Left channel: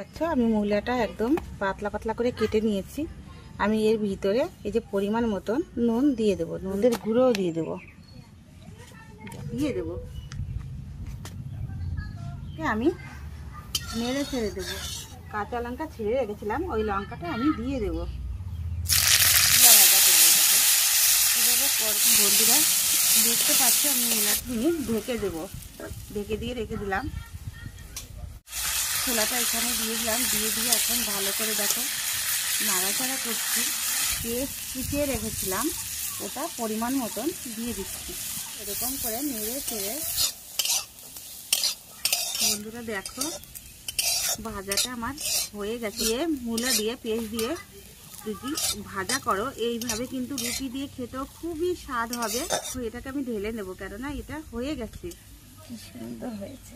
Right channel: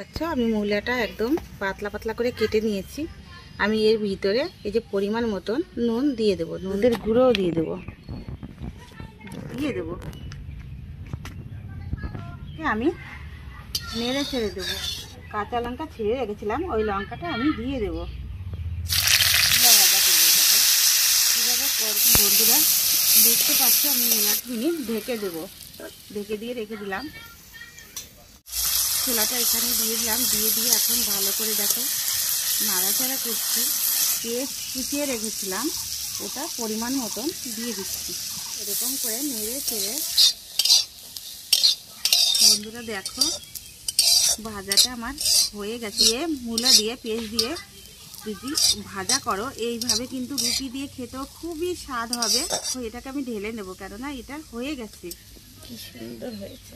আচ্ছা, আমি মূলাটা একদম পাতলা পাতলা করে কেটে নিয়েছি। আমি এর ভিতরে এই যে পরিমাণ মতন নুন দিয়ে দেবো, নুনের গুঁড়োও দিয়ে দেবো। আমি নেড়ে ছেড়ে দেবো। কাঁচা লঙ্কা ছিঁড়ে রেখেছিলাম, ওই লঙ্কাটা আমি দিয়ে দেবো। বন্ধুরা দেখতে পাচ্ছি, আমি মূলাটা ঢেকে দেবো। ঢেকে দিয়ে রেখে দিলাম। ছোলাটা এখানে দিয়ে দিলাম, দিয়ে এখন ভালো করে দেখো নাড়াচাড়া করছি। পেস্ট কুচিয়ে রেখেছিলাম, ওটা পরিমাণ মতন দিয়ে দিচ্ছি। এরকম করে নেড়ে চেড়ে বন্ধুরা দেখো ভাজাটা আমার হয়ে গেছে। মূলা দিয়ে পেস্ট দিয়ে যদি ভাজা করো, এইভাবে কিন্তু রুটি দিয়ে খেতেও খুবই স্বাদ হবে। তো এটাকে আমি ঢেলে নেবো, কেননা এটা হয়ে গেছে। কি সুন্দর হয়েছে।